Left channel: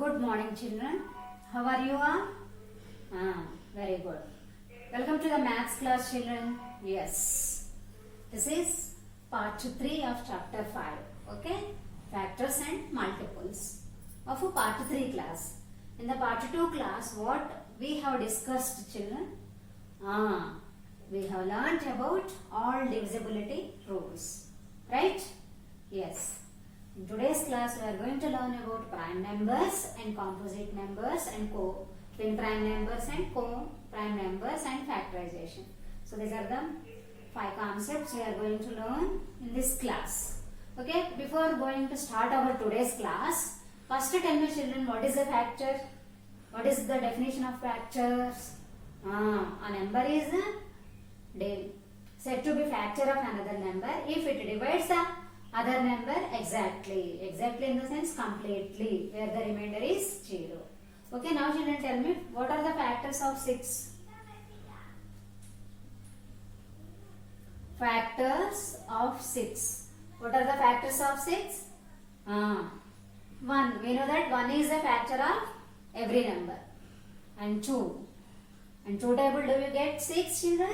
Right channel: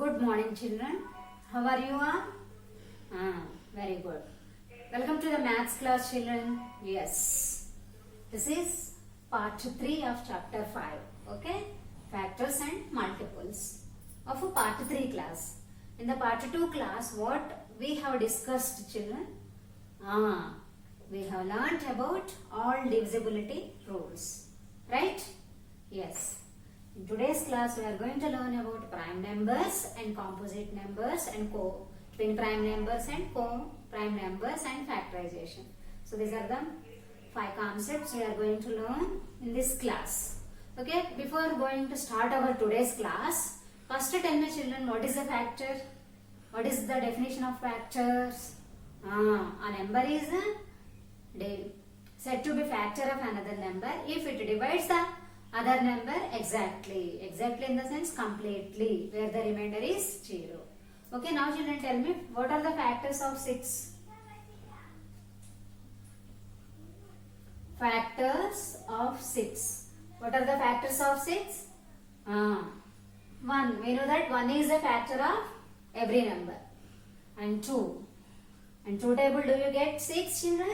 Good morning, children. How are you all? Very good. Welcome to the maths class, children. Yes. This is part 3 of chapter 5. Okay? Factors and multiples of a part 3 class. In the part 2 class, what we have discussed, children? We have learnt about all divisibility rules. Right? Yes. In today's class, we are going to learn about prime numbers and composite numbers and twin prime numbers and co-prime numbers and factorization. So these are the 5 concepts we are going to learn in this class. Okay, before going to start our today's class, first tell me, children, what is a factor? What is the definition of factors? A number is said to be factor of another number if it divides the other number exactly in the sense completely, where the remainder is 0. Okay, now children, tell me, what are the factors of 6? Factors of 6. What are the factors of 6? 1. We know that 1 is a factor of every number. And 2. And 2 table, do you get 6, children?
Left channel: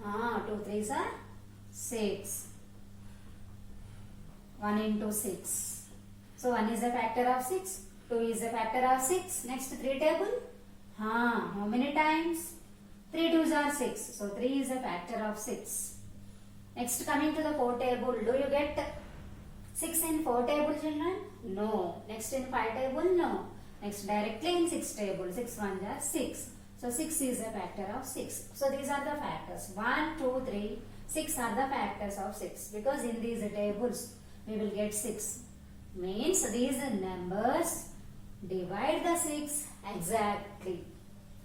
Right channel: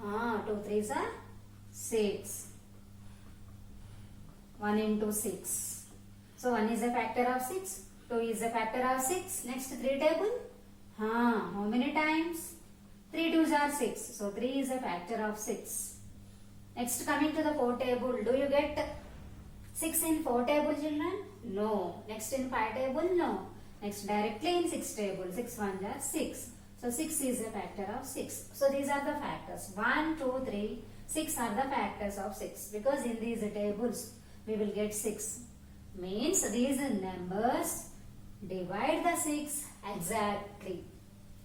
2 3s are 6. 1 into 6. So 1 is a factor of 6. 2 is a factor of 6. Next 3 table. How many times? 3 2s are 6. So 3 is a factor of 6. Next coming to the 4 table. Do you get 6 in 4 table, children? No. Next in 5 table? No. Next directly in 6 table. 6 1s are 6. So 6 is a factor of 6. So these are the factors. 1, 2, 3, 6 are the factors of 6. Because in these tables, we will get 6. Means these numbers divide the 6 exactly.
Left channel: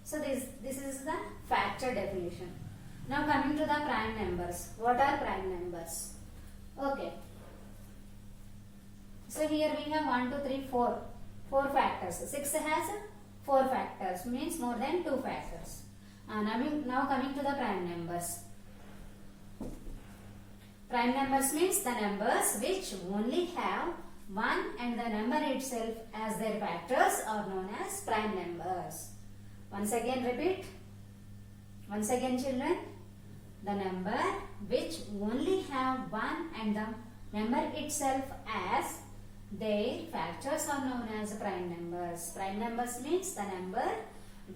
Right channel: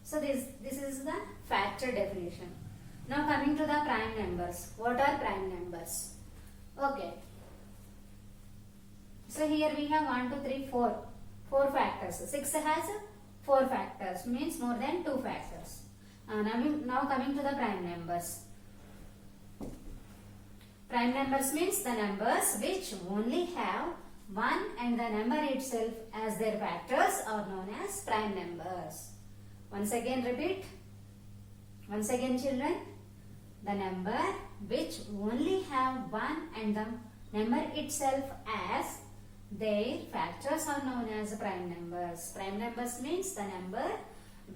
So this is the factor definition. Now coming to the prime numbers. What are prime numbers? Okay. So here we have 1, 2, 3, 4. 4 factors. 6 has 4 factors. Means more than 2 factors. Now coming to the prime numbers. Prime numbers means the numbers which only have 1 and the number itself as their factors are known as prime numbers. Once again repeat. Once again, children. The number which only have 1 and the number itself as their factors are known as prime numbers. Prime numbers means the number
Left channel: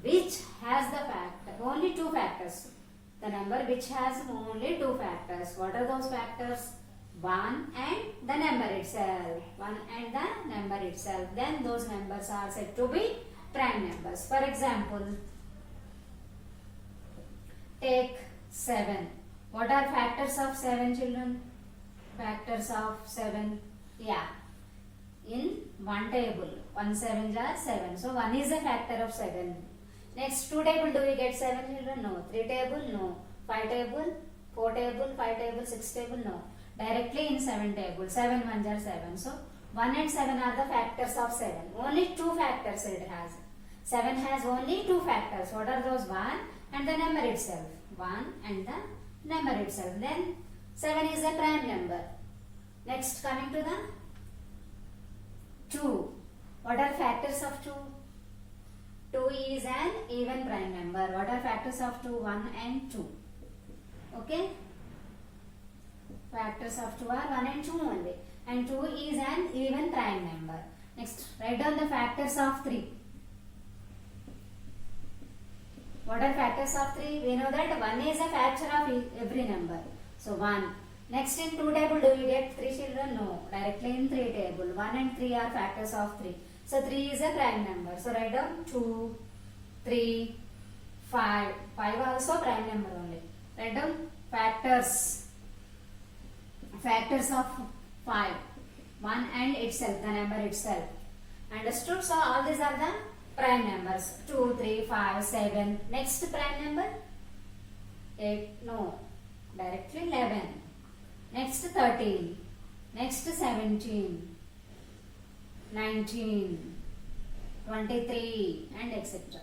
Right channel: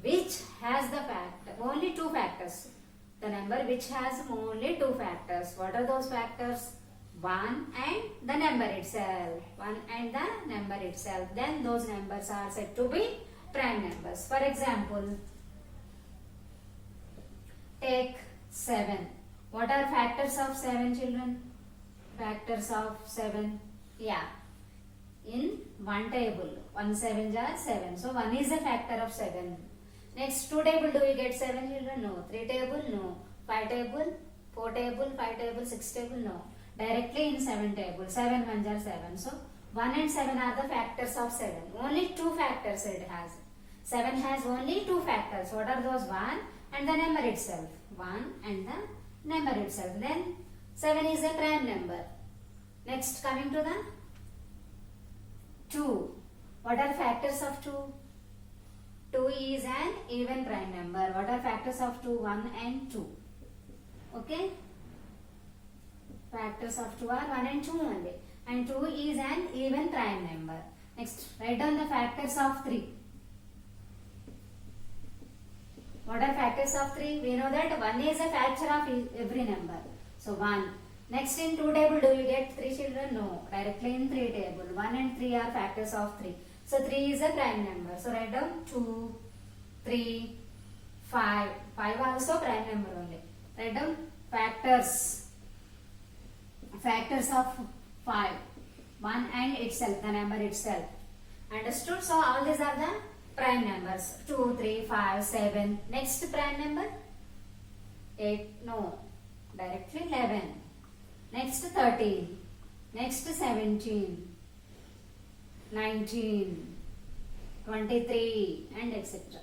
which has the only 2 factors. The number which has only 2 factors. What are those factors? 1 and the number itself. 1 and the number itself. Then those numbers are said to be prime numbers. For example, take 7. What are factors of 7, children? Factors of 7. Yeah. In 1 table. 1 7s are 7. So 1 is a factor of 7. Next 2 table, do we get 7, children? No. 3 table? No. 5 table? 4 table? 5 table? 6 table? No. Directly in 7 table. 7 1s are 7. So 1 and 7 are the factors of 7. Only 2 factors it has. 7 has only 2 factors. What are those? 1 and the number itself. 1 and the number itself. Then 7 is a prime number. Next coming to the 2. What are factors of 2? 2 is an even prime number. What are factors of 2? 1 and 2. Okay? Factors of 2 are 1 and 2 only. And 2 is an even prime number. Next, write down the factors of 3. What are factors of 3? We know that 1 is a factor of every number. So 1. Next in 2 table, do we get 3, children? No. Directly in 3 table. 1 and 3 are factors of 3. So 3 is a prime number. So write down 2, 3, 5. 5 also prime number only. Write down factors. Factors of 5. 1 and itself, the number itself. Understood? So all these are the prime numbers. 2, 3, 5, 7. Next prime number? 8. No. Directly 11. Next 13. Next 17. 19, 23 and etc.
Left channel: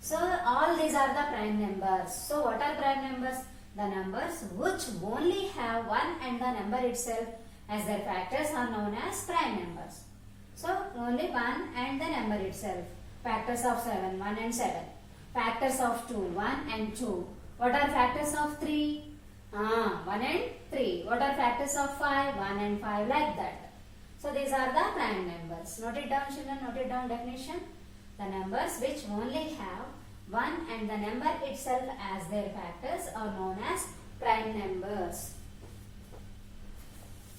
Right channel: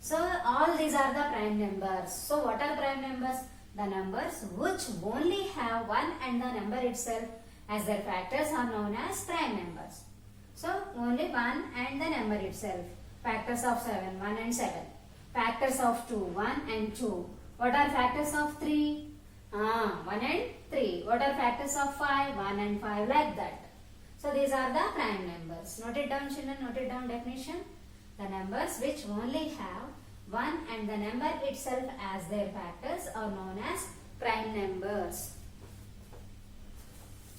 So all these are the prime numbers. So what are prime numbers? The numbers which only have 1 and the number itself as their factors are known as prime numbers. So only 1 and the number itself. Factors of 7, 1 and 7. Factors of 2, 1 and 2. What are factors of 3? 1 and 3. What are factors of 5? 1 and 5, like that. So these are the prime numbers. Note it down, children, note it down definition. The numbers which only have 1 and the number itself as their factors are known as prime numbers.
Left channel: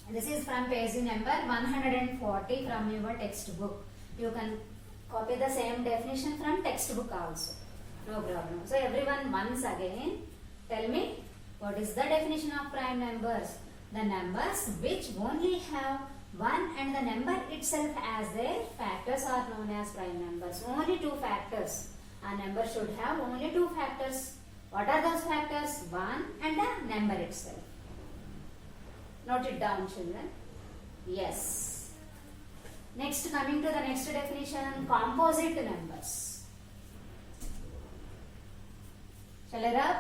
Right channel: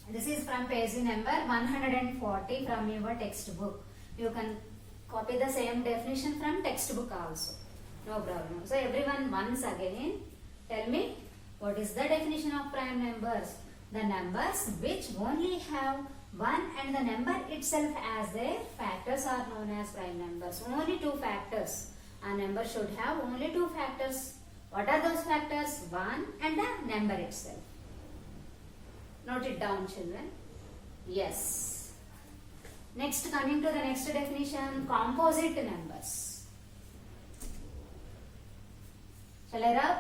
This is from page number 140 from your textbook. You can copy the same definition from textbook also. No problem. So everyone once again tell me what is the definition of prime numbers. The numbers which only have 1 and the number itself as their factors are known as prime numbers. Only 2 factors. A number should have only 2 factors. What are those factors? 1 and the number itself. Note it down, children. Yes. Next, coming to the next definition, composite numbers. Shall I rub?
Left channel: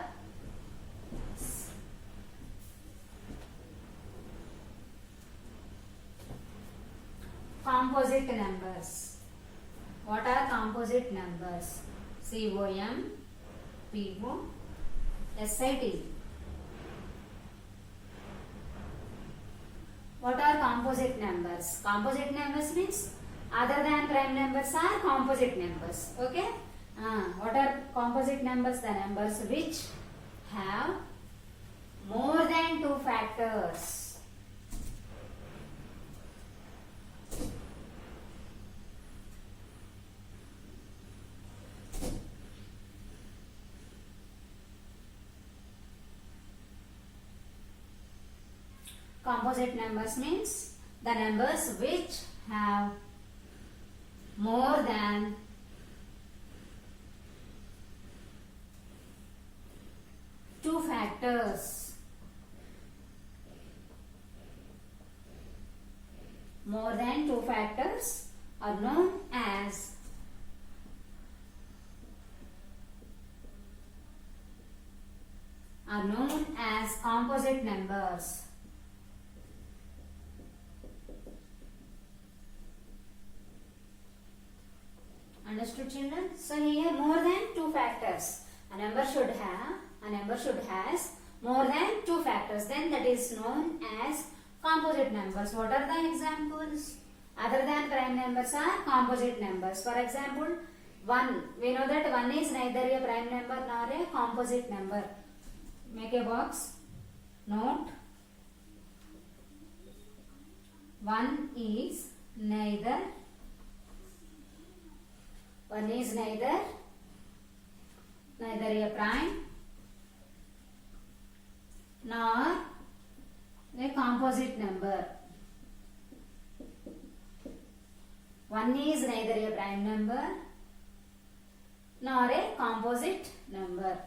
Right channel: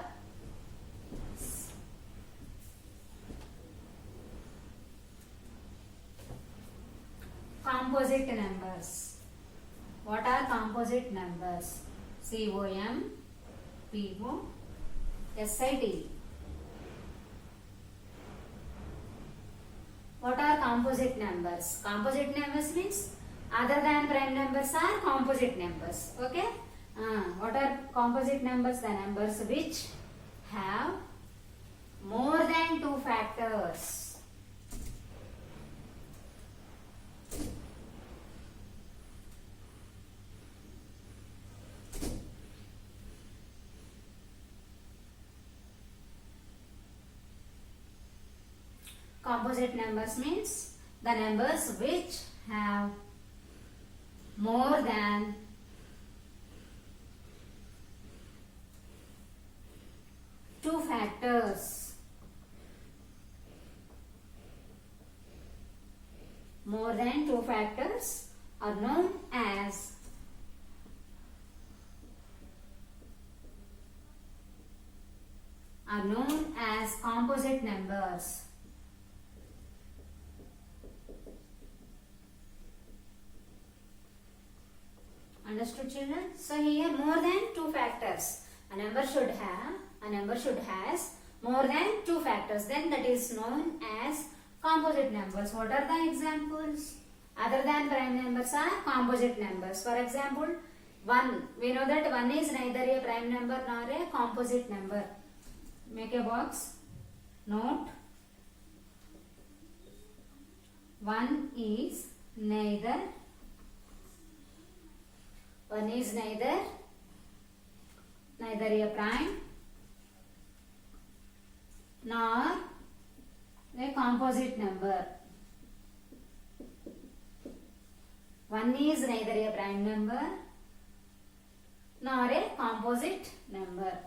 Composite numbers. What are composite numbers? COMPOSIT. What are composite numbers? Composite numbers means other than prime numbers are composite numbers. Okay? What are composite numbers? The numbers which have more than 2 factors. Composite numbers means the numbers which have more than 2 factors. More than 2 factors are known as composite numbers. Understood, children? So here more than 2 factors. A number has more than 2 factors. Then that is known as composite numbers. What are the examples? Other than prime numbers are composite numbers. For example, 1. We know that 1 is neither a prime number nor a composite number. Make a box. Note. 1 is neither a prime nor a composite number. 1 is neither a prime number nor a composite number.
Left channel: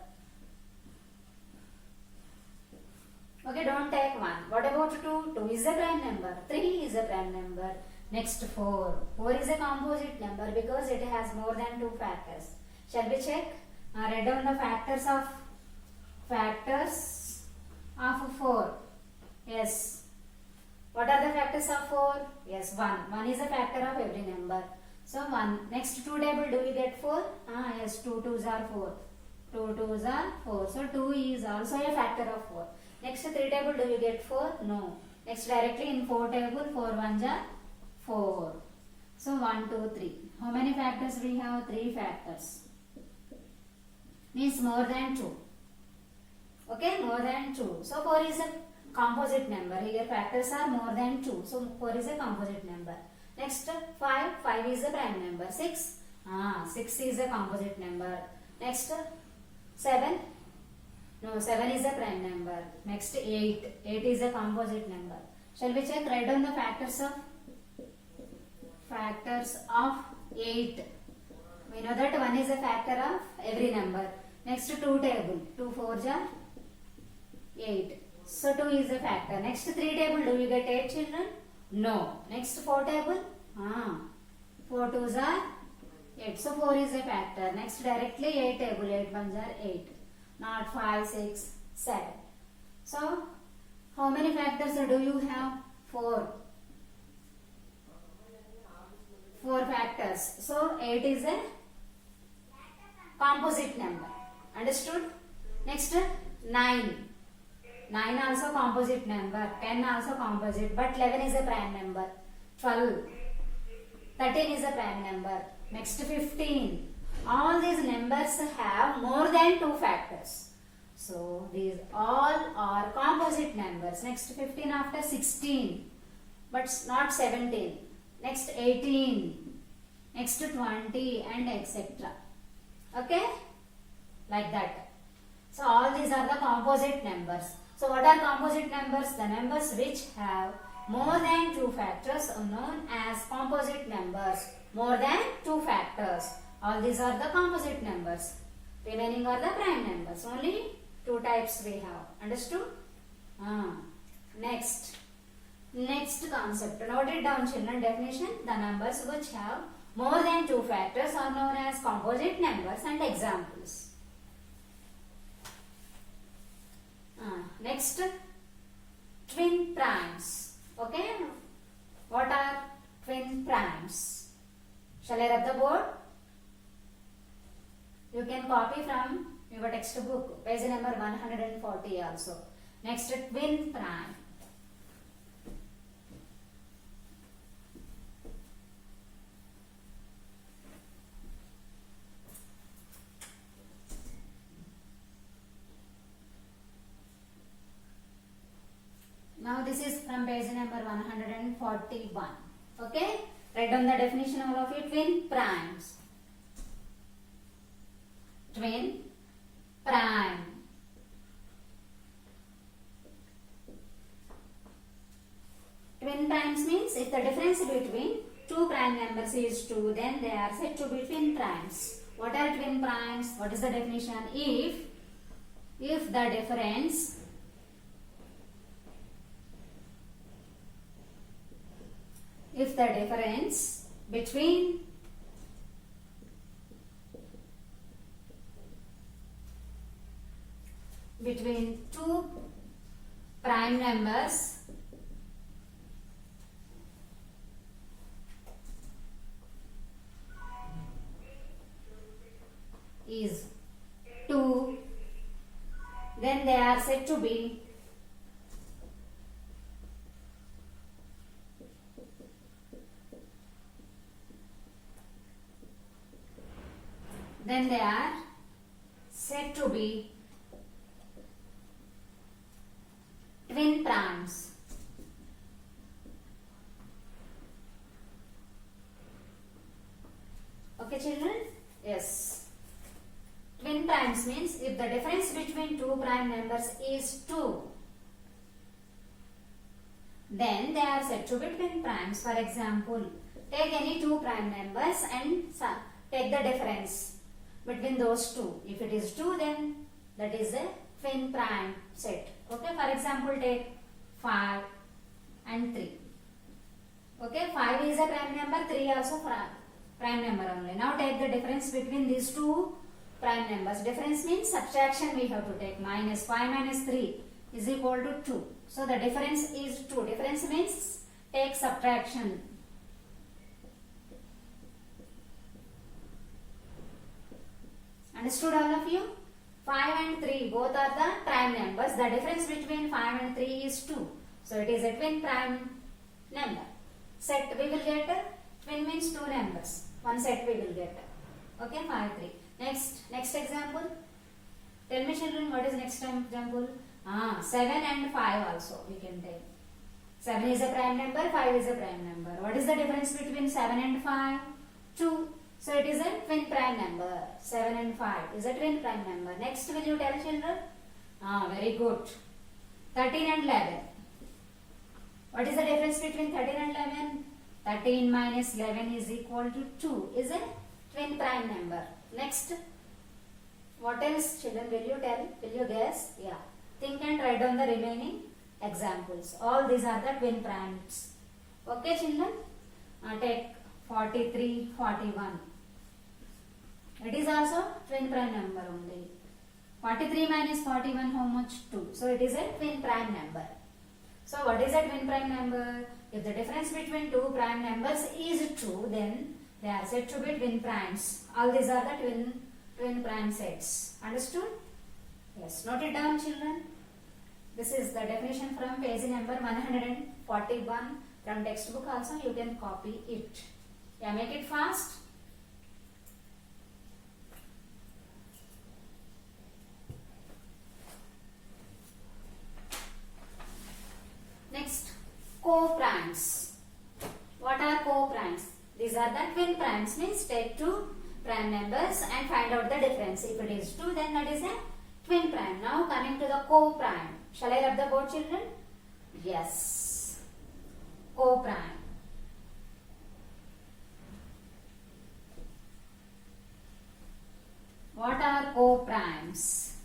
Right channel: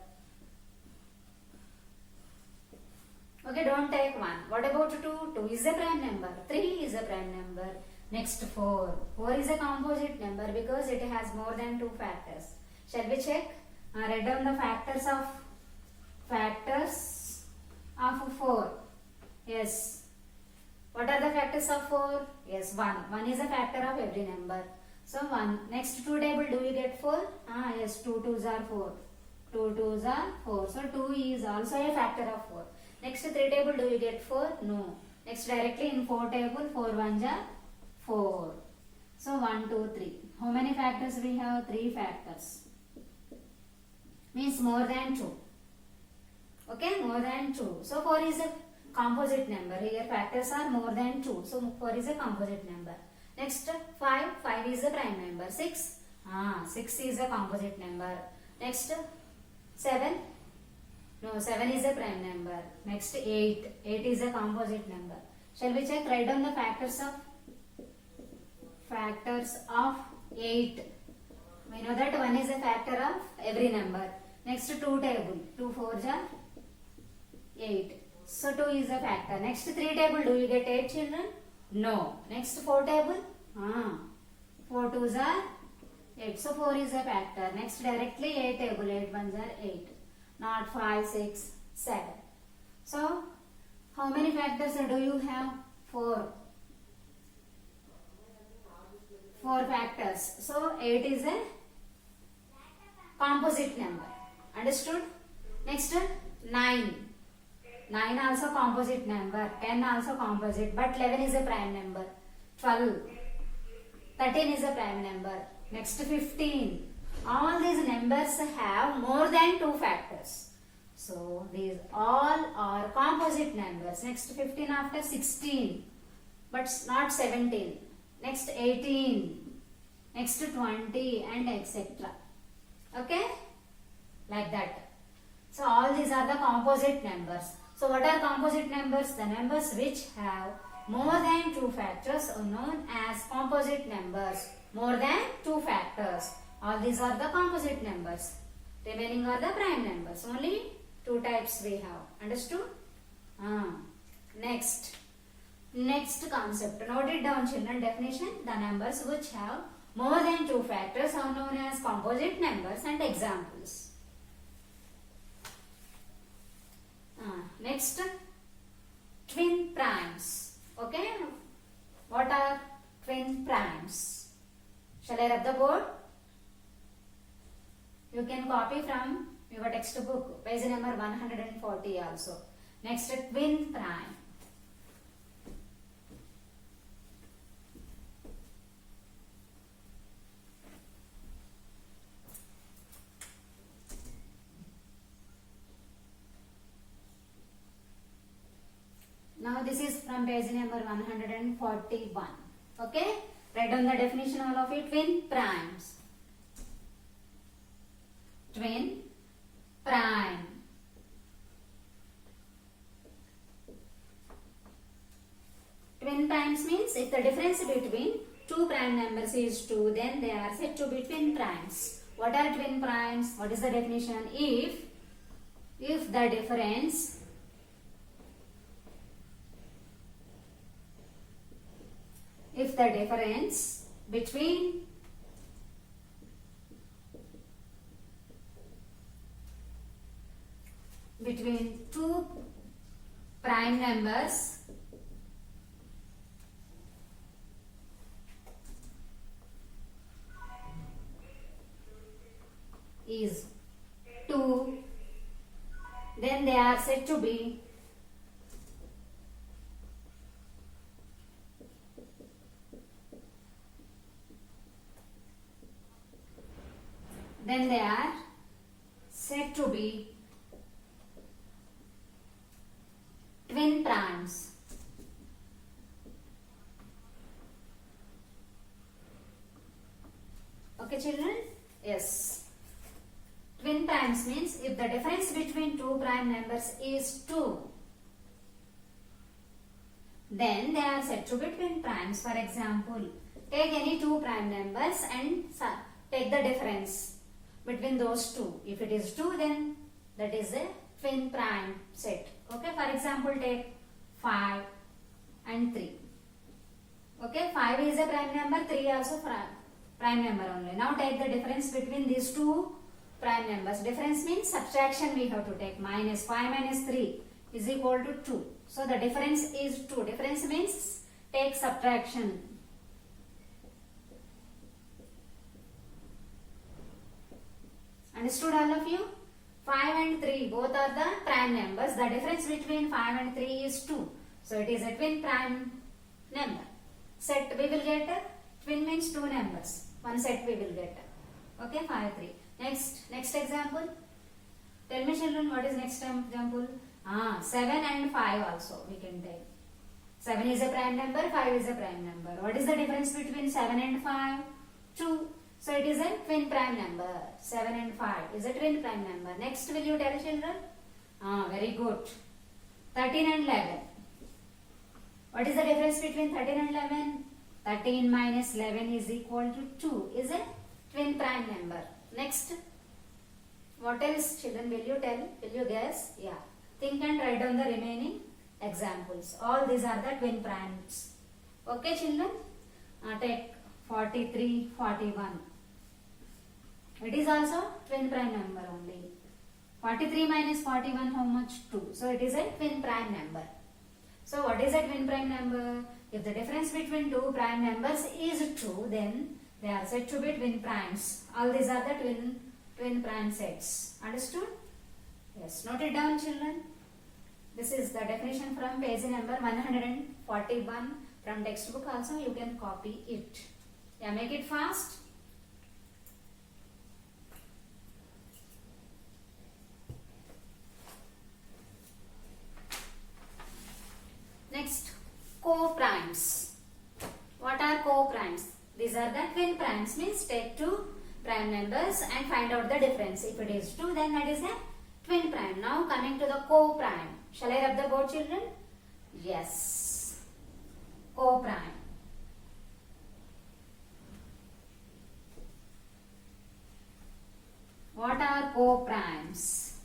Okay, don't take 1. What about 2? 2 is a prime number. 3 is a prime number. Next 4. 4 is a composite number because it has more than 2 factors. Shall we check? Write down the factors of 4. Yes. What are the factors of 4? Yes, 1. 1 is a factor of every number. So 1. Next 2 table, do you get 4? Yes, 2 2s are 4. 2 2s are 4. So 2 is also a factor of 4. Next 3 table, do you get 4? No. Next directly in 4 table, 4 1s are 4. So 1 2 3. How many factors we have? 3 factors. Means more than 2. Okay, more than 2. So 4 is a composite number. Here factors are more than 2. So 4 is a composite number. Next 5. 5 is a prime number. 6. 6 is a composite number. Next 7. No, 7 is a prime number. Next 8. 8 is a composite number. Shall we check? Write down the factors of 8. We know that 1 is a factor of every number. Next 2 table. 2 4s are 8. So 2 is a factor. Next 3 table. Do you get 8 children? No. Next 4 table. 4 2s are 8. So 4 is a factor. Next directly 8 table. 8 1s are 8. Not 5, 6, 7. So how many factors do you have? 4. 4 factors. So 8 is a composite number. Understood? Next 9. 9 also composite number. 10 also composite. But 11 is a prime number. 12. 13 is a prime number. Next 15. All these numbers have more than 2 factors. So these all are composite numbers. Next 15 after 16. But not 17. Next 18. Next 20 and etc. Okay? Like that. So all these are the composite numbers. So what are composite numbers? The numbers which have more than 2 factors are known as composite numbers. More than 2 factors. All these are the composite numbers. Remaining are the prime numbers. Only 2 types we have. Understood? Next concept. Note it down, children. Definition. The numbers which have more than 2 factors are known as composite numbers, and examples. Next, twin primes. Okay? What are twin primes? Shall I rub the board? You can copy from your textbook, page number 140 also. Next, twin prime. Now this is from page number 141. Okay? Write down the definition all of it. Twin primes. Twin prime. Twin primes means if the difference between 2 prime numbers is 2, then they are said to be twin primes. What are twin primes? What is the definition? If the difference between two prime numbers is 2, then they are said to be twin primes. Okay, children? Yes. Twin primes means if the difference between 2 prime numbers is 2, then they are said to be twin primes. For example, take any 2 prime numbers and take the difference between those 2. If it is 2, then that is a twin prime set. Okay, for example, take 5 and 3. Okay, 5 is a prime number, 3 also prime number only. Now take the difference between these 2 prime numbers. Difference means subtraction we have to take. Minus 5 minus 3 is equal to 2. So the difference is 2. Difference means take subtraction. Understood all of you? 5 and 3 both are the prime numbers. The difference between 5 and 3 is 2. So it is a twin prime number. Set we will get. Twin means 2 numbers. One set we will get. Okay, 5, 3. Next example. Tell me, children, what is next example? 7 and 5 also we can take. 7 is a prime number, 5 is a prime number. What is the difference between 7 and 5? 2. So it is a twin prime number. 7 and 5 is a twin prime number. Next, will you tell, children? Very good. 13 and 11. What is the difference between 13 and 11? 13 minus 11 is equal to 2. Is a twin prime number. Next, what else, children? Will you tell? Will you guess? Yeah. Think and write down the remaining examples. All these are the twin primes. Okay, children? Take 43, 41. It is also twin prime number only. 43 minus 41, how much? 2. So it is a twin prime number. So what is a twin prime number? If the difference between two prime numbers is 2, then they are said to be twin primes. All these are the twin prime sets. Understood? Yes. Note it down, children. This is the definition from page number 141 from textbook also. You can copy it. Yeah, make it fast. Next, co-primes. What are co-primes? These are the twin primes, means take two prime numbers and find out the difference. If it is 2, then that is a twin prime. Now coming to the co-prime. Shall I rub the board, children? Yes. Co-prime. What are co-primes?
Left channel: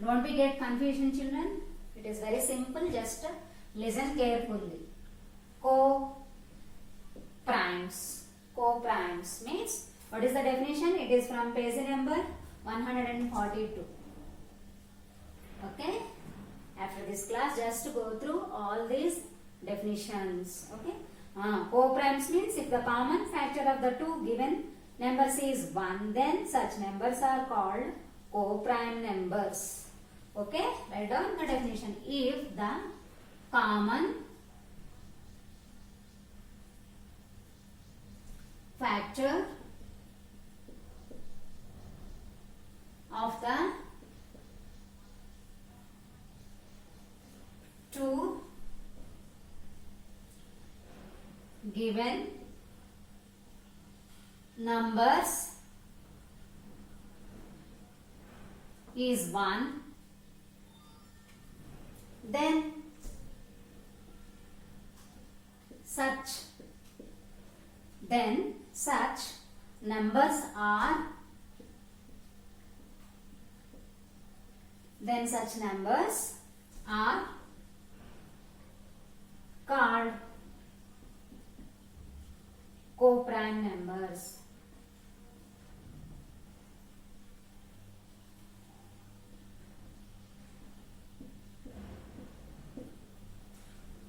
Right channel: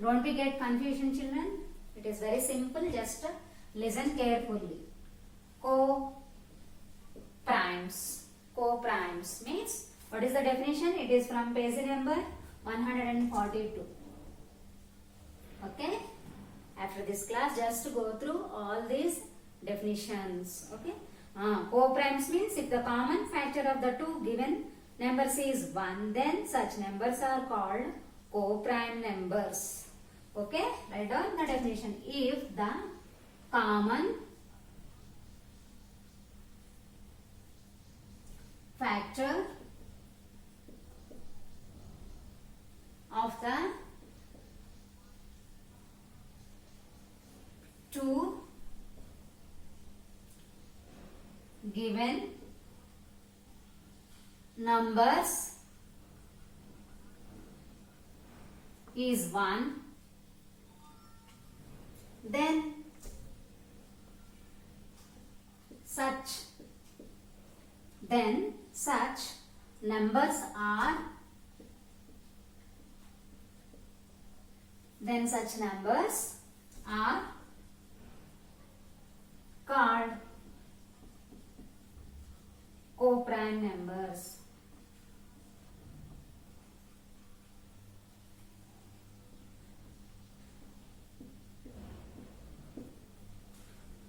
Don't be get confusion, children. It is very simple. Just listen carefully. Co-primes. Co-primes means, what is the definition? It is from page number 142. Okay? After this class, just go through all these definitions. Okay? Co-primes means if the common factor of the two given numbers is 1, then such numbers are called co-prime numbers. Okay? Write down the definition. If the common factor of the two given numbers is 1, then such numbers are called co-prime numbers.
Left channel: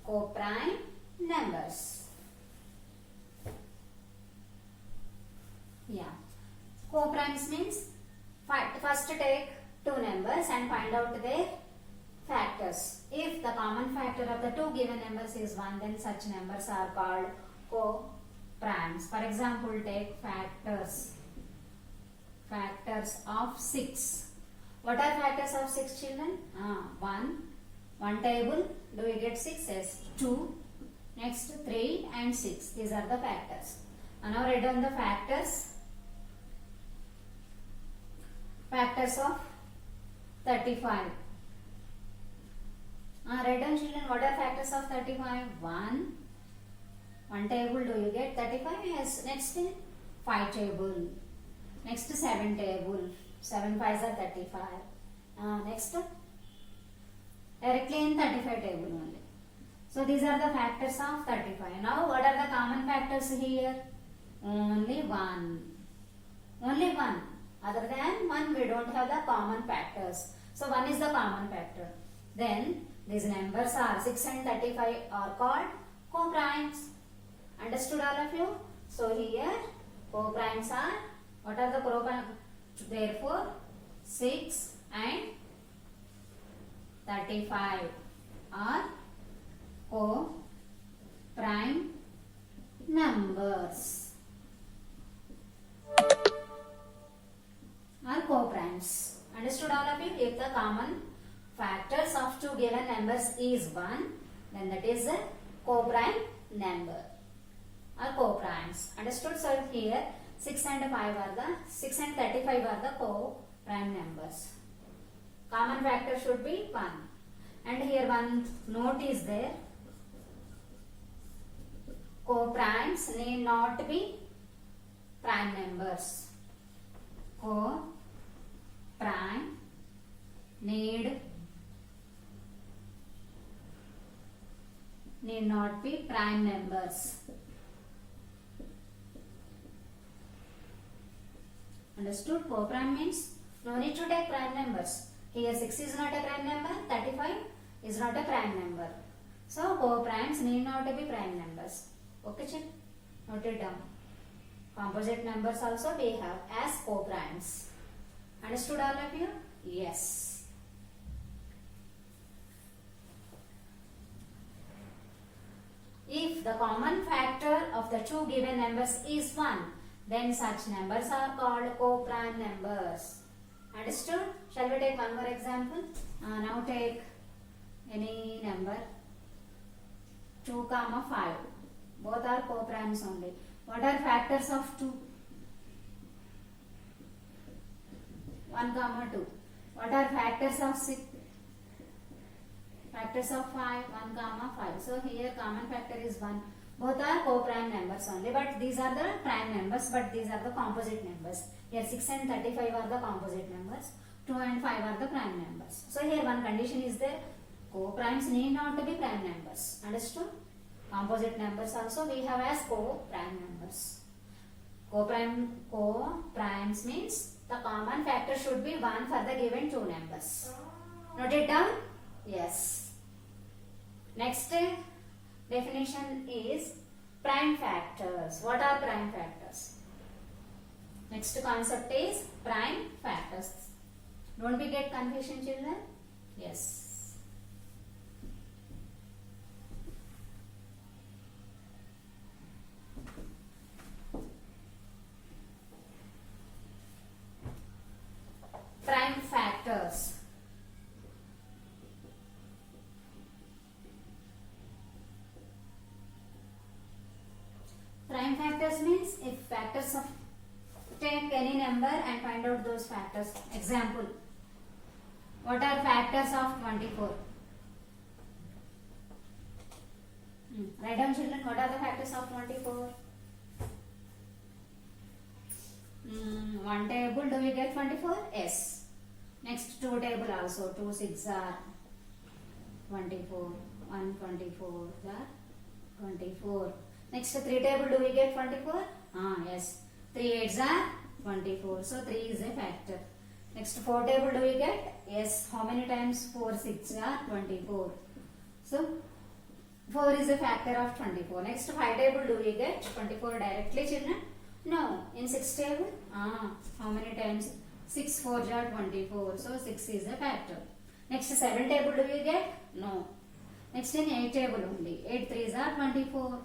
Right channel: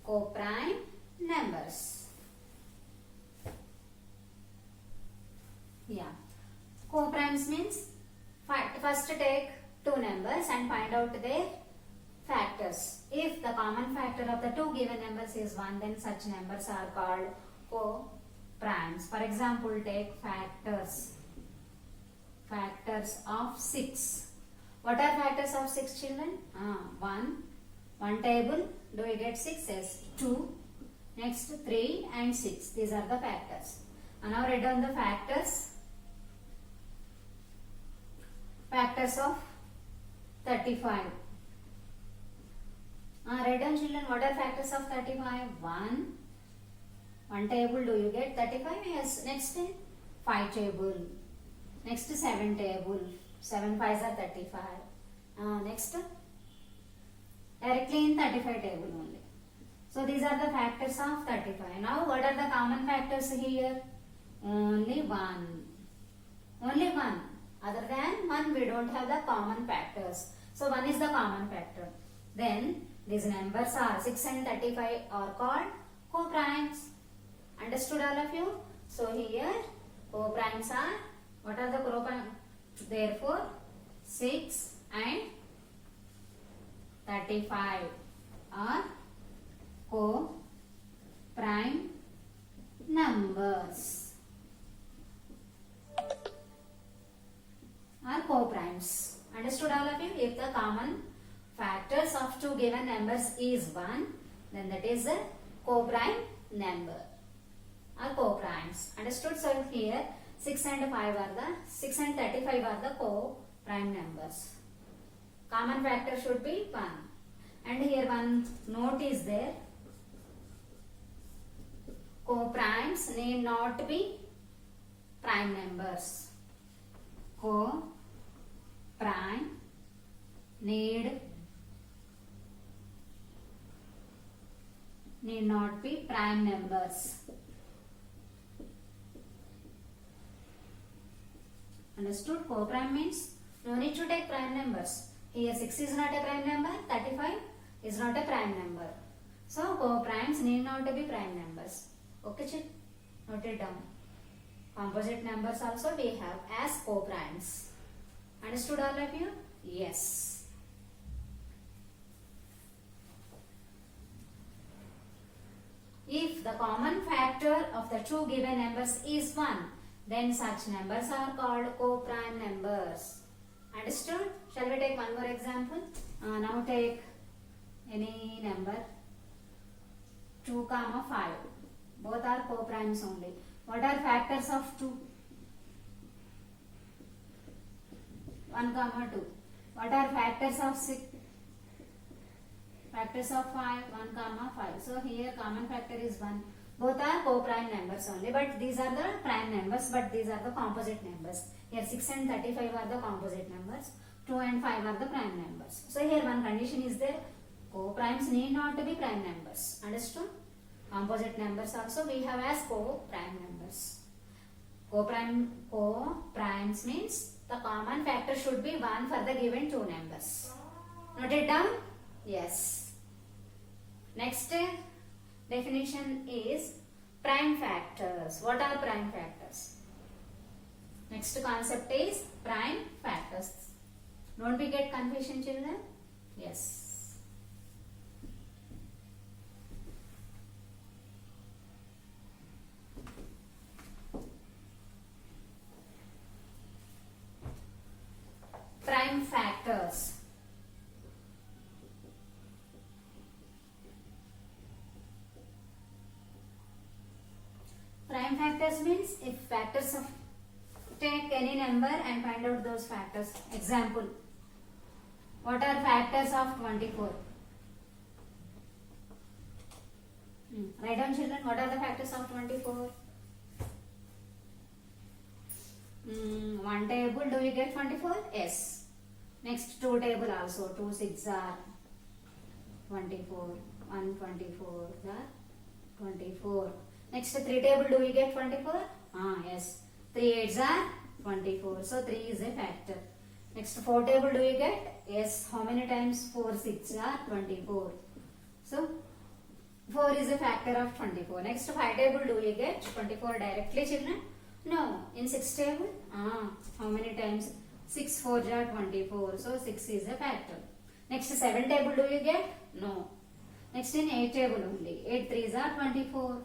Co-prime numbers. Yeah. Co-primes means first take two numbers and find out their factors. If the common factor of the two given numbers is 1, then such numbers are called co-primes. For example, take factors of 6. What are factors of 6, children? 1 table, do we get 6? Yes. 2, next 3 and 6. These are the factors. Now write down the factors of 35. Write down, children, what are factors of 35? 1 table, do you get 35? Yes. Next 5 table. Next 7 table. 7 5s are 35. Next directly in 35 table only. So these are the factors of 35. Now what are the common factors here? Only one. Other than 1, we don't have the common factors. So 1 is the common factor. Then these numbers are 6 and 35 are called co-primes. Understood, all of you? So here co-primes are, what are the co-primes? Therefore 6 and 35 are co-prime numbers. Are co-primes. Understood, all of you? If the common factors of two given numbers is 1, then that is a co-prime number. Are co-primes. Understood? So here 6 and 35 are the co-prime numbers. Common factor should be 1. And here one note is there. Co-primes need not be prime numbers. Co-prime need not be prime numbers. Understood? Co-prime means no need to take prime numbers. Here 6 is not a prime number, 35 is not a prime number. So co-primes need not to be prime numbers. Okay, check. Note it down. Composite numbers also we have as co-primes. Understood all of you? Yes. If the common factor of the two given numbers is 1, then such numbers are called co-prime numbers. Understood? Shall we take one more example? Now take any number 2, 5. Both are co-primes only. What are factors of 2? 1, 2. What are factors of 6? Factors of 5, 1, 5. So here common factor is 1. Both are co-prime numbers only, but these are the prime numbers, but these are the composite numbers. Here 6 and 35 are the composite numbers. 2 and 5 are the prime numbers. So here one condition is there. Co-primes need not to be prime numbers. Understood? Composite numbers also we have as co-prime numbers. Co-primes means the common factor should be 1 for the given two numbers. Note it down? Yes. Next definition is prime factors. What are prime factors? Next concept is prime factors. Don't we get confusion, children? Yes. Prime factors. Prime factors means if factors of take any number and find out those factors. Example, what are factors of 24? Write down, children, what are the factors of 24? One table, do we get 24? Yes. Next two table also, 2 6 are 24, 1 24 are 24. Next 3 table, do we get 24? Yes. 3 8s are 24. So 3 is a factor. Next 4 table, do we get? Yes. How many times 4 6 are 24. So 4 is a factor of 24. Next 5 table, do we get 24 directly, children? No. In 6 table? How many times? 6 4 are 24. So 6 is a factor. Next 7 table, do we get? No. Next in 8 table only. 8 3s are 24.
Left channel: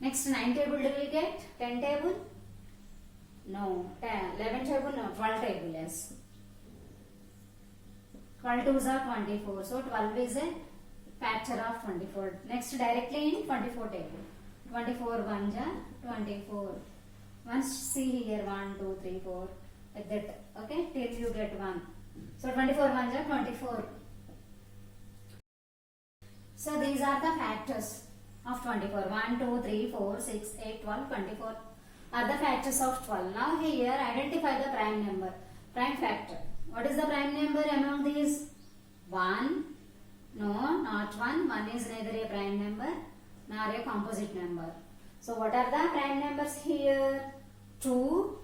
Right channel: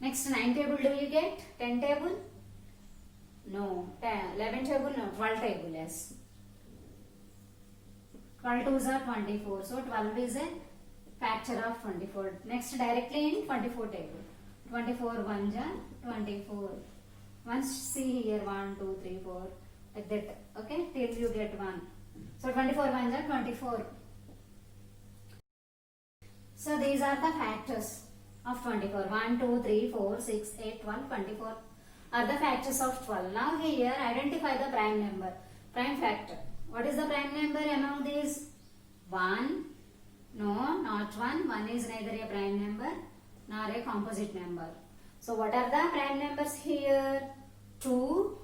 Next 9 table, do we get? 10 table? No. 11 table? No. 12 table, yes. 12 2s are 24. So 12 is a factor of 24. Next directly in 24 table. 24 1s are 24. Once see here 1 2 3 4 like that. Okay, till you get 1. So 24 1s are 24. So these are the factors of 24. 1 2 3 4 6 8 12 24 are the factors of 12. Now here identify the prime number, prime factor. What is the prime number among these? 1? No, not 1. 1 is neither a prime number nor a composite number. So what are the prime numbers here? 2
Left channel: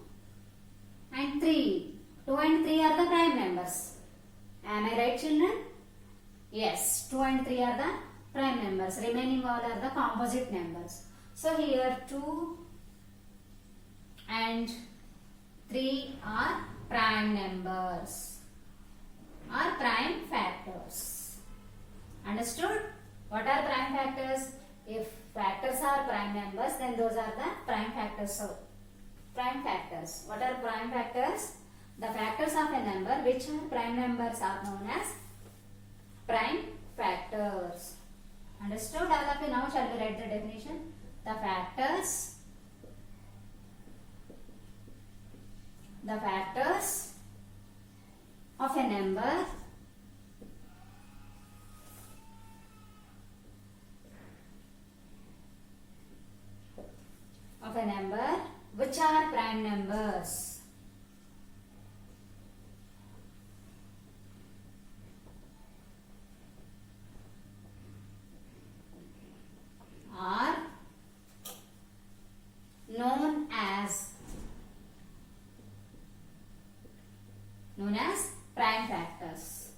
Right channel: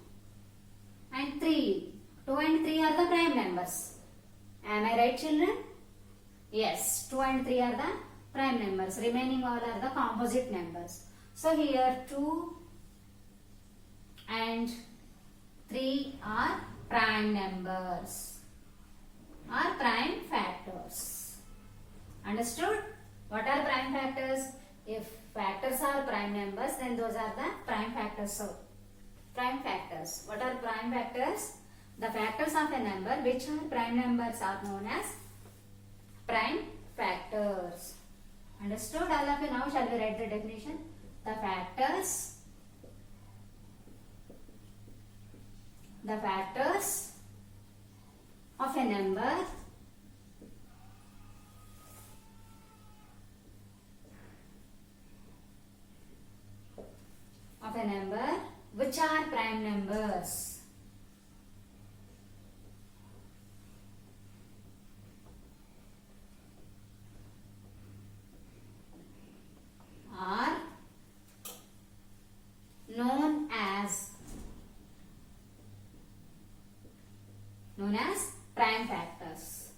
and 3. 2 and 3 are the prime numbers. Am I right, children? Yes, 2 and 3 are the prime numbers. Remaining all are the composite numbers. So here 2 and 3 are prime numbers, are prime factors. Understood? What are prime factors? If factors are prime numbers, then those are the prime factors. So, prime factors. What are prime factors? The factors of a number which are prime numbers are known as prime factors. Understood all of you? Now shall we write the definition? The factors of a number which are prime numbers. Are known as prime factors.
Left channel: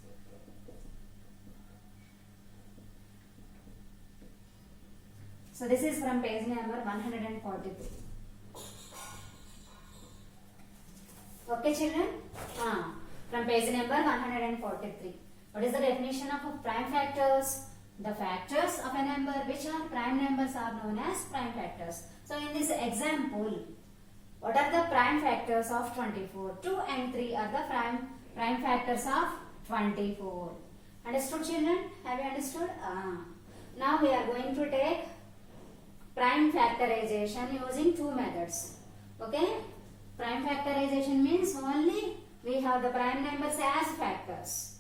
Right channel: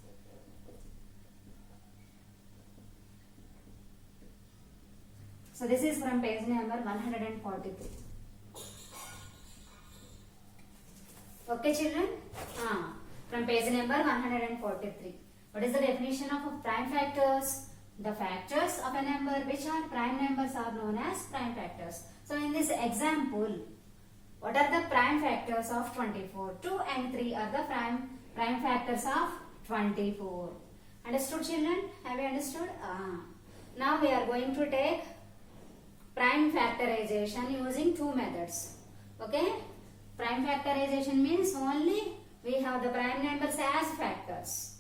So this is from page number 143. Okay children? From page number 143. What is the definition of prime factors? The factors of a number which are prime numbers are known as prime factors. So in this example, what are the prime factors of 24? 2 and 3 are the prime factors of 24. Understood children? Have you understood? Now we are going to take prime factorization using two methods. Okay? Prime factorization means only we have the prime numbers as factors.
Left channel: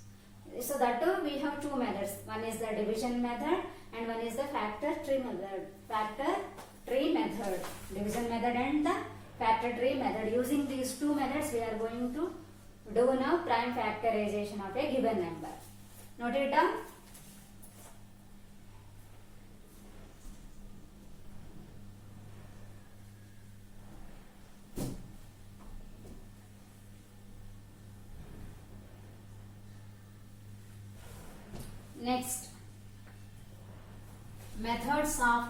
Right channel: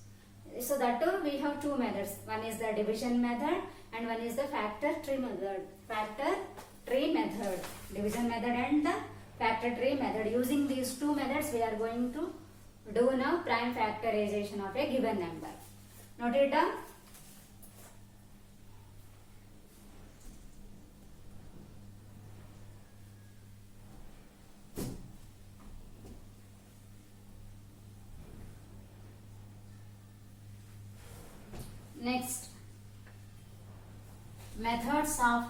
So that too we have two methods. One is the division method and one is the factor tree method. Factor tree method. Division method and the factor tree method. Using these two methods we are going to do now prime factorization of a given number. Note it down. Next, methods of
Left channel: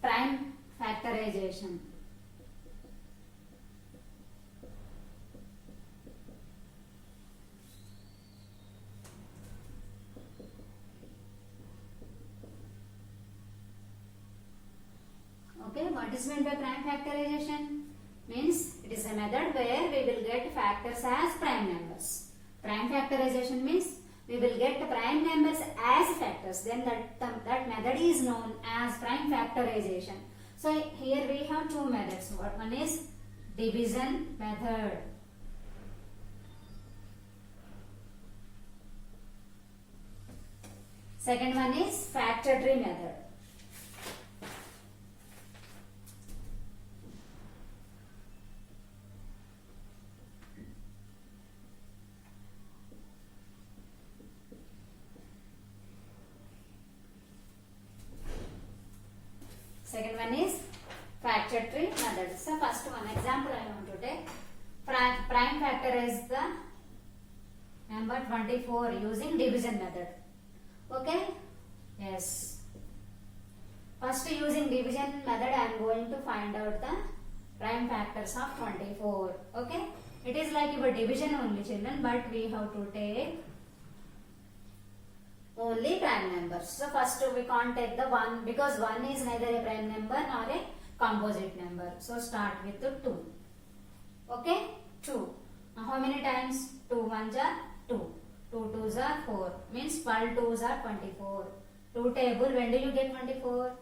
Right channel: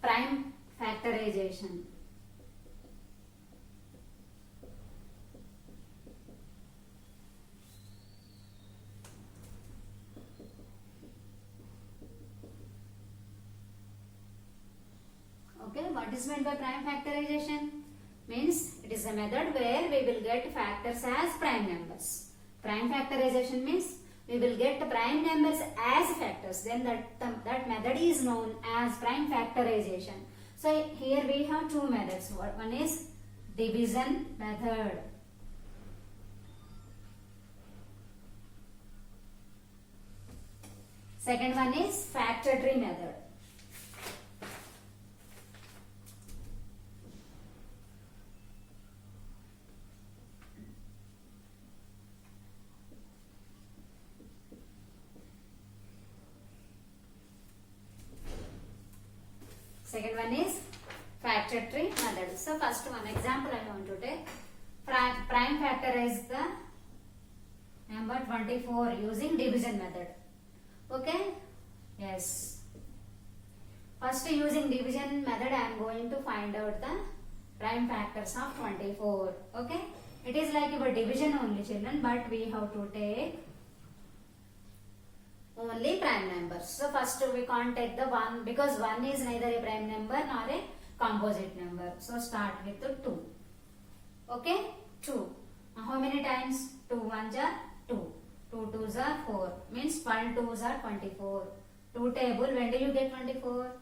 prime factorization. Okay, what is meant by prime factorization? Means it is a method where we will get factors as prime numbers. Prime factorization means we will get prime numbers as factors. Then that method is known as prime factorization. So here we have two methods. One is division method. Second one is factor tree method. Second one is factor tree method. So first one example I want to take. Prime factorize the number 24 using division method. Okay? Yes. First using division method I am going to find out the prime factors of 24. Okay? It is like your division only children, but we have to take only prime numbers. So first we can't take the 1 because 1 is neither a prime number nor a composite number. So start with the 2. Okay? 2. How many times? 2 1s are 2. 2 2s are 4. Means 12 2s are 24. 2 table, when do you get 24?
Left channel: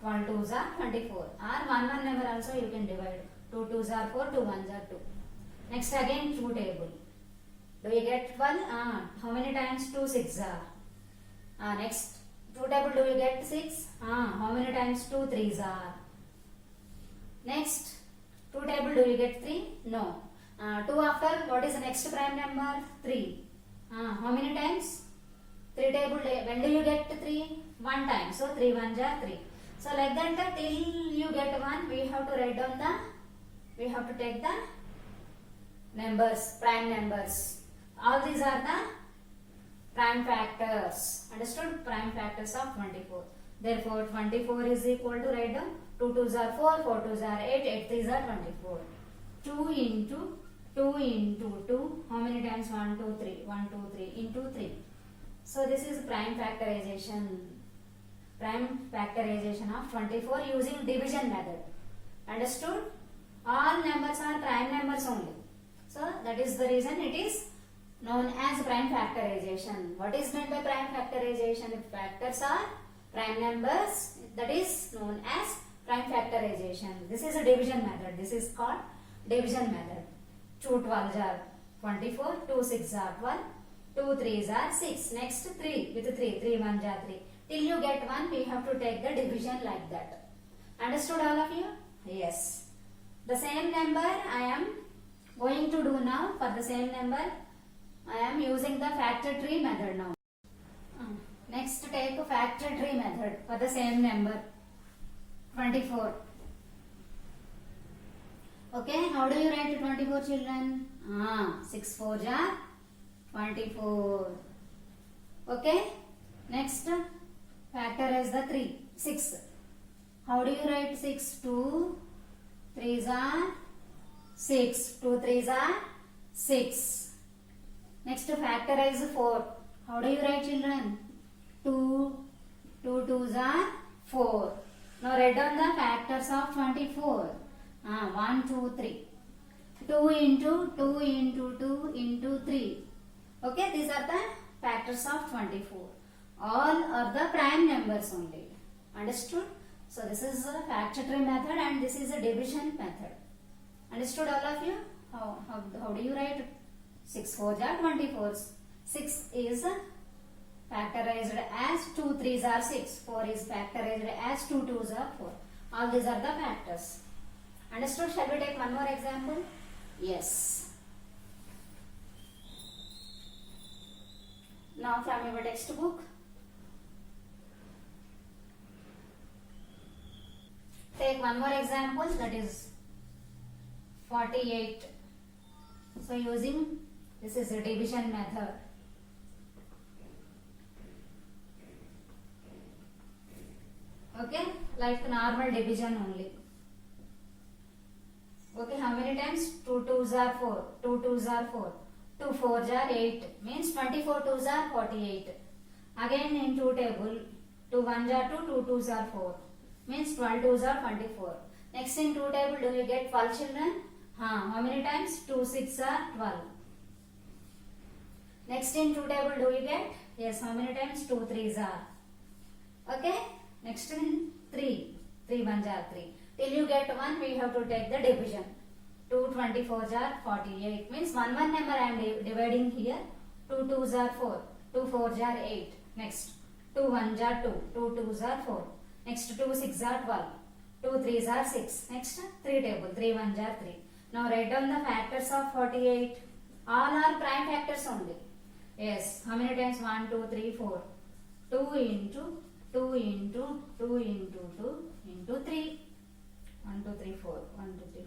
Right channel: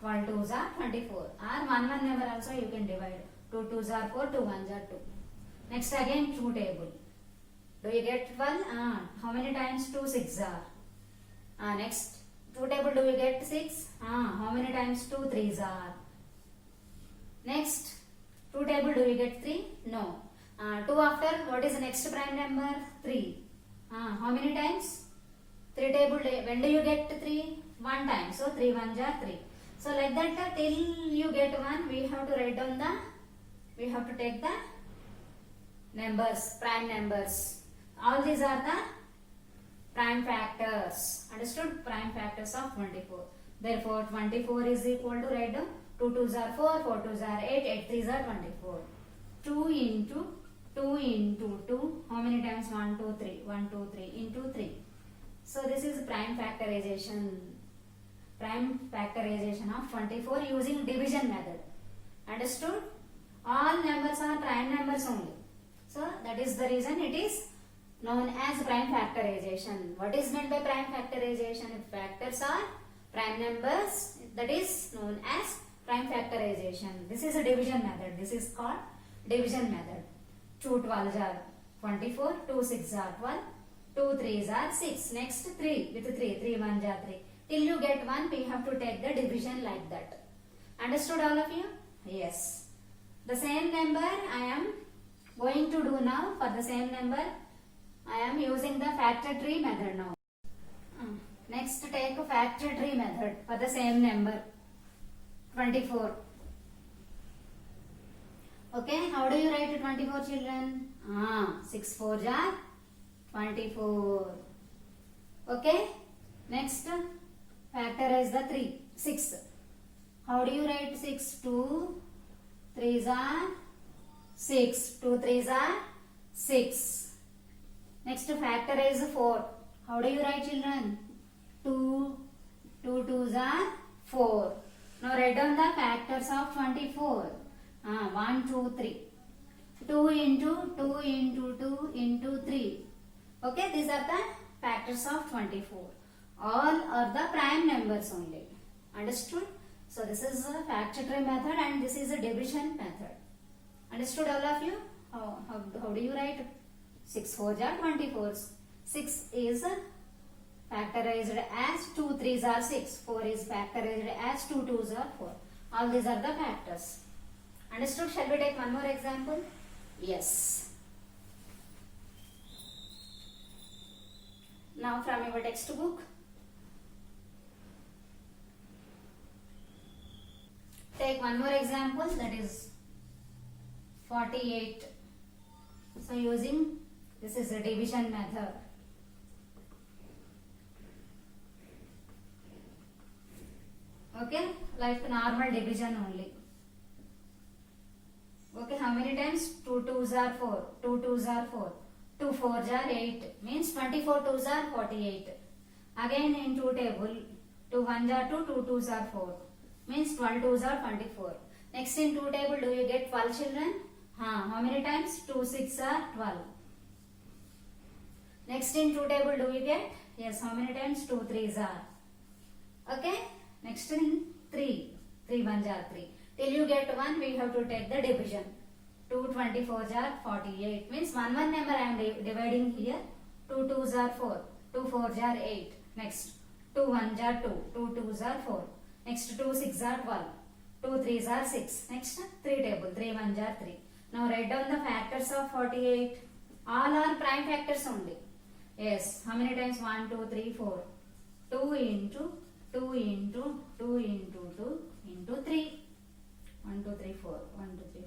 12 2s are 24. Or 1 number also you can divide. 2 2s are 4, 2 1s are 2. Next again 2 table. Do you get 12? How many times? 2 6s are. Next, 2 table, do you get 6? How many times? 2 3s are. Next, 2 table, do you get 3? No. 2 after, what is the next prime number? 3. How many times? 3 table, when do you get 3? 1 time. So, 3 1s are 3. So, like that, till you get 1, we have to write down we have to take the numbers, prime numbers. All these are the prime factors. Understood? Prime factors of 24. Therefore, 24 is equal to, write down, 2 2s are 4, 4 2s are 8, 8 3s are 24. 2 into 2 into 2. How many times? 1 2 3. 1 2 3 into 3. So, this is prime factorization. Prime factorization of 24 using division method. Understood? All numbers are prime numbers only. So, that is the reason it is known as prime factorization. What is meant by prime factorization? If factors are prime numbers, that is known as prime factorization. This is a division method. This is called division method. 2 12s are 24, 2 6s are 12, 2 3s are 6. Next 3 with 3, 3 1s are 3. Till you get 1, we have to take the division like that. Understood all of you? Yes. The same number I am going to do now. For the same number, I am using the factor tree method now. Next, take a factor tree method for the same number 24. Okay, how do you write 24 children? 6 4s are 24. Okay. Next, factorize the 3. 6. How do you write 6? 2 3s are 6. 2 3s are 6. Next, factorize 4. How do you write, children? 2 2s are 4. Now write down the factors of 24. 1 2 3. 2 into 2 into 2 into 3. Okay, these are the factors of 24. All are the prime numbers only. Understood? So this is a factory method and this is a division method. Understood all of you? How do you write? 6 4s are 24. 6 is factorized as 2 3s are 6. 4 is factorized as 2 2s are 4. All these are the factors. Understood? Shall we take one more example? Yes. Now from your textbook, take one more example, that is 48. So using this is a division method. Okay, like normal division only. Okay, how many times? 2 2s are 4. 2 2s are 4. 2 4s are 8. Means 24 2s are 48. Again in 2 table, 2 1s are 2, 2 2s are 4. Means 12 2s are 24. Next in 2 table, do you get 12 children? How many times? 2 6 are 12. Next in 2 table, do you get? Yes, how many times? 2 3s are. Okay. Next in 3. 3 1s are 3. Till you get 1, we have to take the division. 2 24s are 48. Means one number I am dividing here. 2 2s are 4. 2 4s are 8. Next 2 1s are 2. 2 2s are 4. Next 2 6 are 12. 2 3s are 6. Next 3 table. 3 1s are 3. Now write down the factors of 48. All are prime factors only. Yes. How many times? 1 2 3 4. 2 into 2 into 2 into 2 into 3. 1 2 3 4. 1 2 3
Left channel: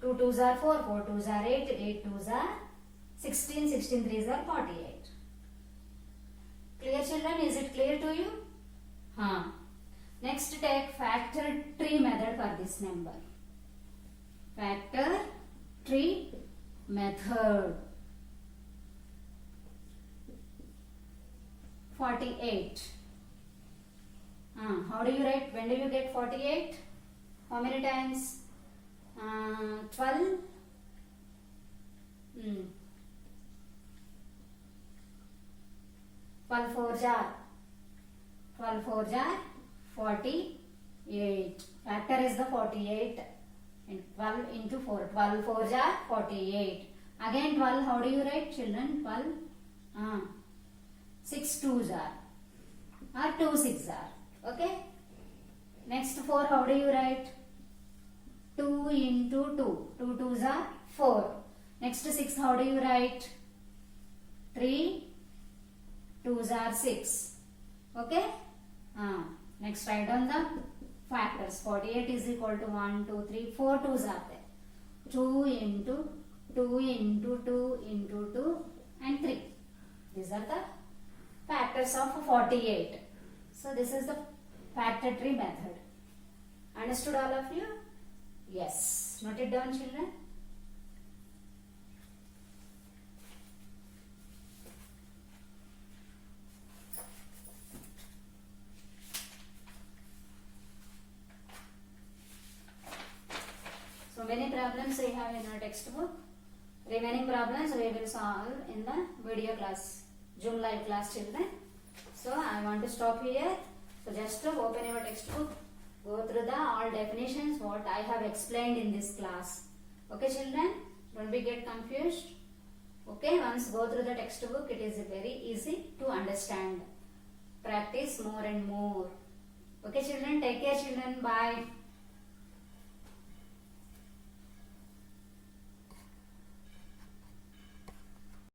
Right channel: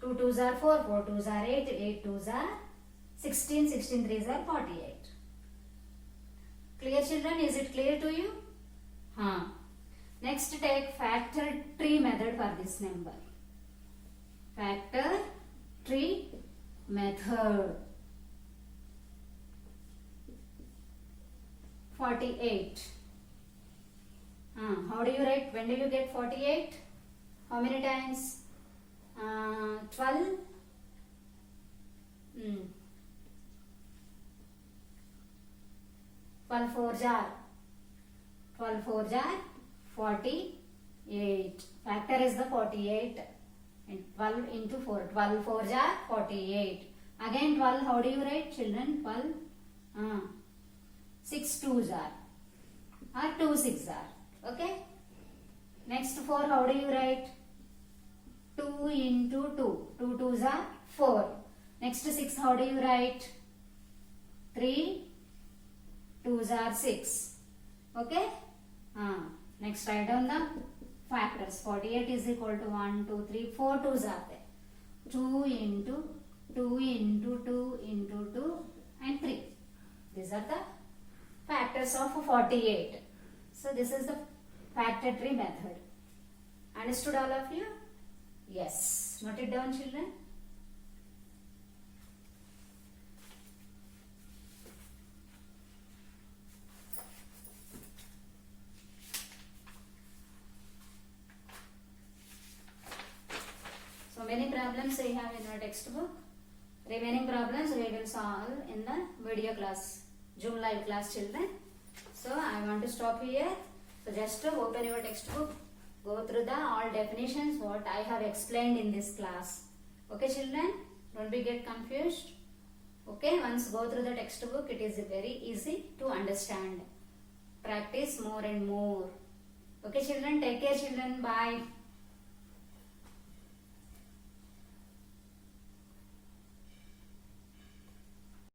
4. 2 2s are 4. 4 2s are 8. 8 2s are 16. 16 3s are 48. Clear, children? Is it clear to you? Next, take factor tree method for this number. Factor tree method. 48. How do you write? When do you get 48? How many times? 12. 12 4s are 48. Factor is the 48 and 12 into 4. 12 4s are 48. Again 12, how do you write, children? 12. 6 2s are or 2 6 are. Okay. Next 4, how do you write? 2 into 2. 2 2s are 4. Next 6, how do you write? 3 2s are 6. Okay. Next write down the factors. 48 is equal to 1 2 3 4 2s are there. 2 into 2 into 2 into 2 and 3. These are the factors of 48. So this is the factor tree method. Understood all of you? Yes. Note it down, children. So many problems we have in our textbook. Remaining problems we will solve in the video class, Zoom live class, children. So I want to stop here. So just open your textbook, go through the all definitions what I have explained in this class. Okay, children, don't be get confused. Okay, once go through the textbook, it is very easy to understand. Practice more and more. Okay, children, take care, children. Bye.